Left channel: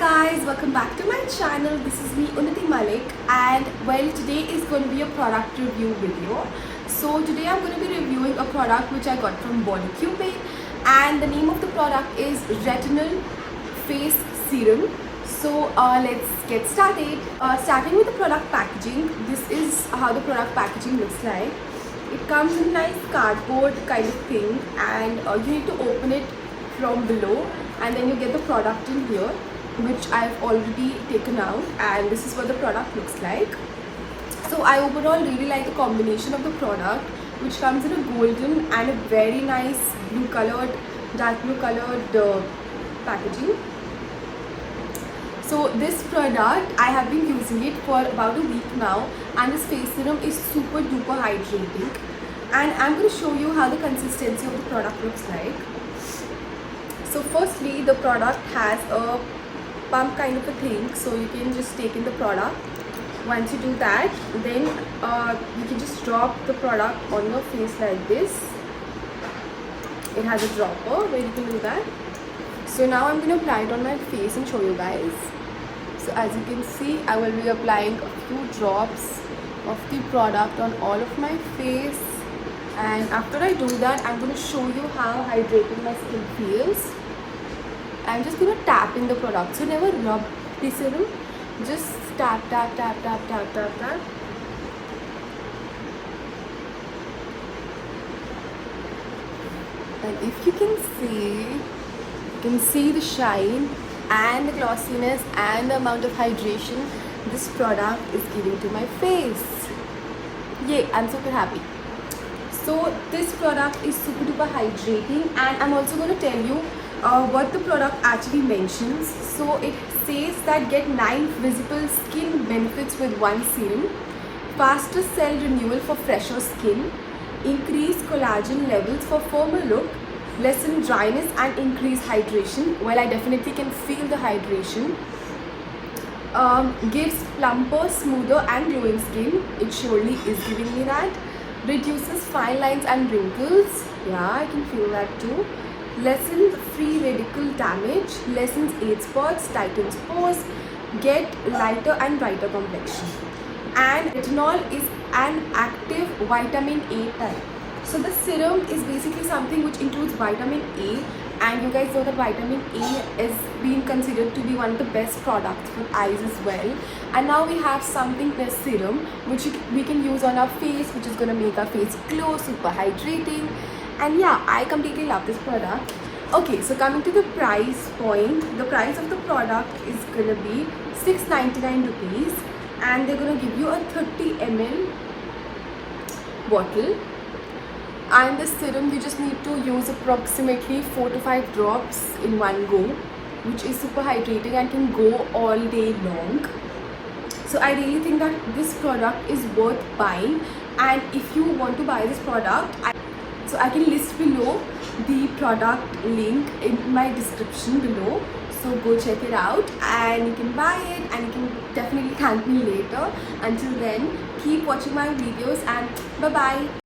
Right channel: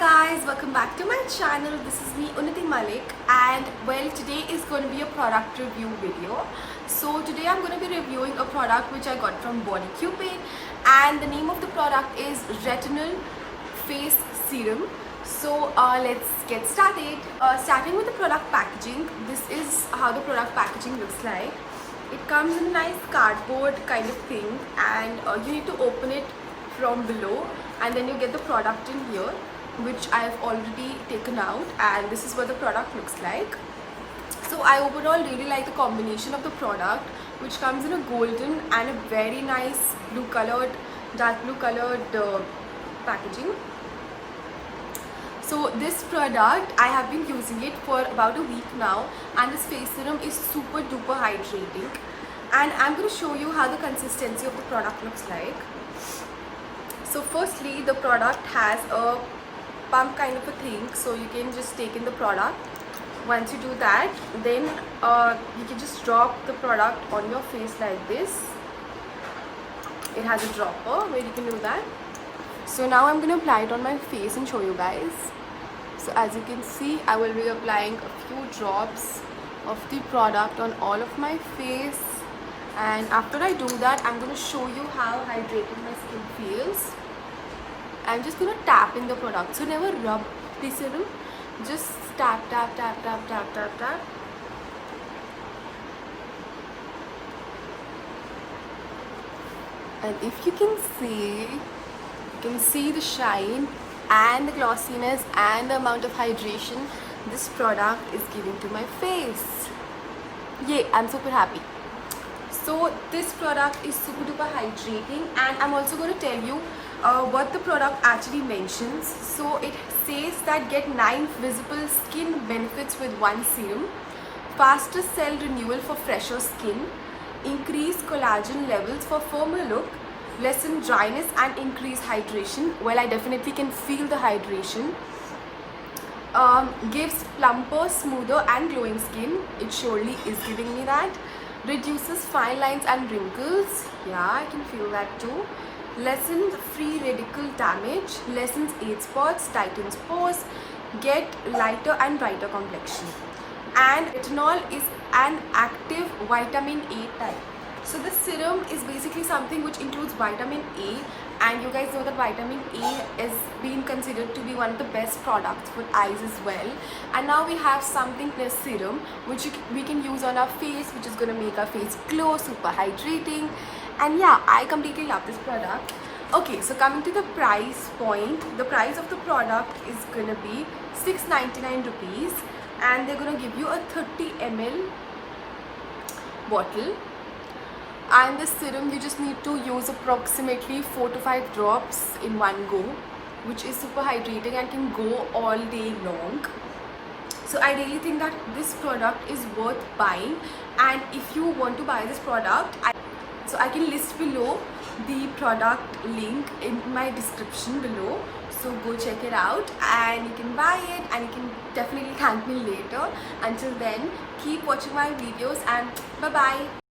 guys, welcome back to my channel. This is me Unnati Malik, and well, today is going to be a product review video. So today I'm going to be reviewing a product which I got from Bodycube, and the name of the product is Retinol Face Serum. So let's get started. Starting with the product packaging, this is how the product packaging looks like. It comes in a nice cardboard kind of thing, and you need to open it from below, and then you get the product in here, which I've already taken out, and this is what the product looks like. So I overall really like the combination of the product, which comes in a golden and a very nice blue colored, dark blue colored packaging. So this product, I have been using it for about a week now, and this face serum is super duper hydrating, and I'm going to show you how the consistency of the product looks like. So firstly, the product has a pump kind of a thing, so you can just take in the product. Once you do that, then you can just drop the product on your face like this. It has a dropper where you can do that. So now I'm going to apply it on my face and show you guys. So as you can see, I will be applying a few drops of the product on all of my face, and after I do that, I'm going to show you how hydrating my skin feels. I'm just going to tap in the product, so never rub the serum, just tap tap tap tap tap tap tap. And if you can see the shine and the glossiness and the amount of hydration this product is giving to my face. Yay, I'm super happy. So this product is super duper hydrating, and I'm also going to tell you what the product actually mentions. So it says that get 9 visible skin benefits with one serum, faster cell renewal for fresher skin, increase collagen levels for firmer look, lessen dryness and increase hydration. Well, I definitely can feel the hydration. Gives plumper, smoother and glowing skin. It surely is giving me that. Reduces fine lines and wrinkles. Yeah, I can feel that too. Lessens free radical damage. Lessens age spots, tightens pores. Get lighter and brighter complexion. And retinol is an active vitamin A type. So the serum is basically something which includes vitamin A, and you guys know that vitamin A is being considered to be one of the best products for eyes as well. And now we have something, this serum, which we can use on our face, which is going to make our face glow, super hydrating. And yeah, I completely love this product. Okay, so coming to the price point, the price of the product is going to be 699 rupees, and they're going to give you a 30 ml bottle. And the serum, you just need to use approximately 4 to 5 drops in one go, which is super hydrating and can go all day long. So I really think that this product is worth buying, and if you want to buy this product, I can list below the product link in my description below. So go check it out and you can buy it, and you can definitely thank me later. Until then, keep watching my videos, and bye bye.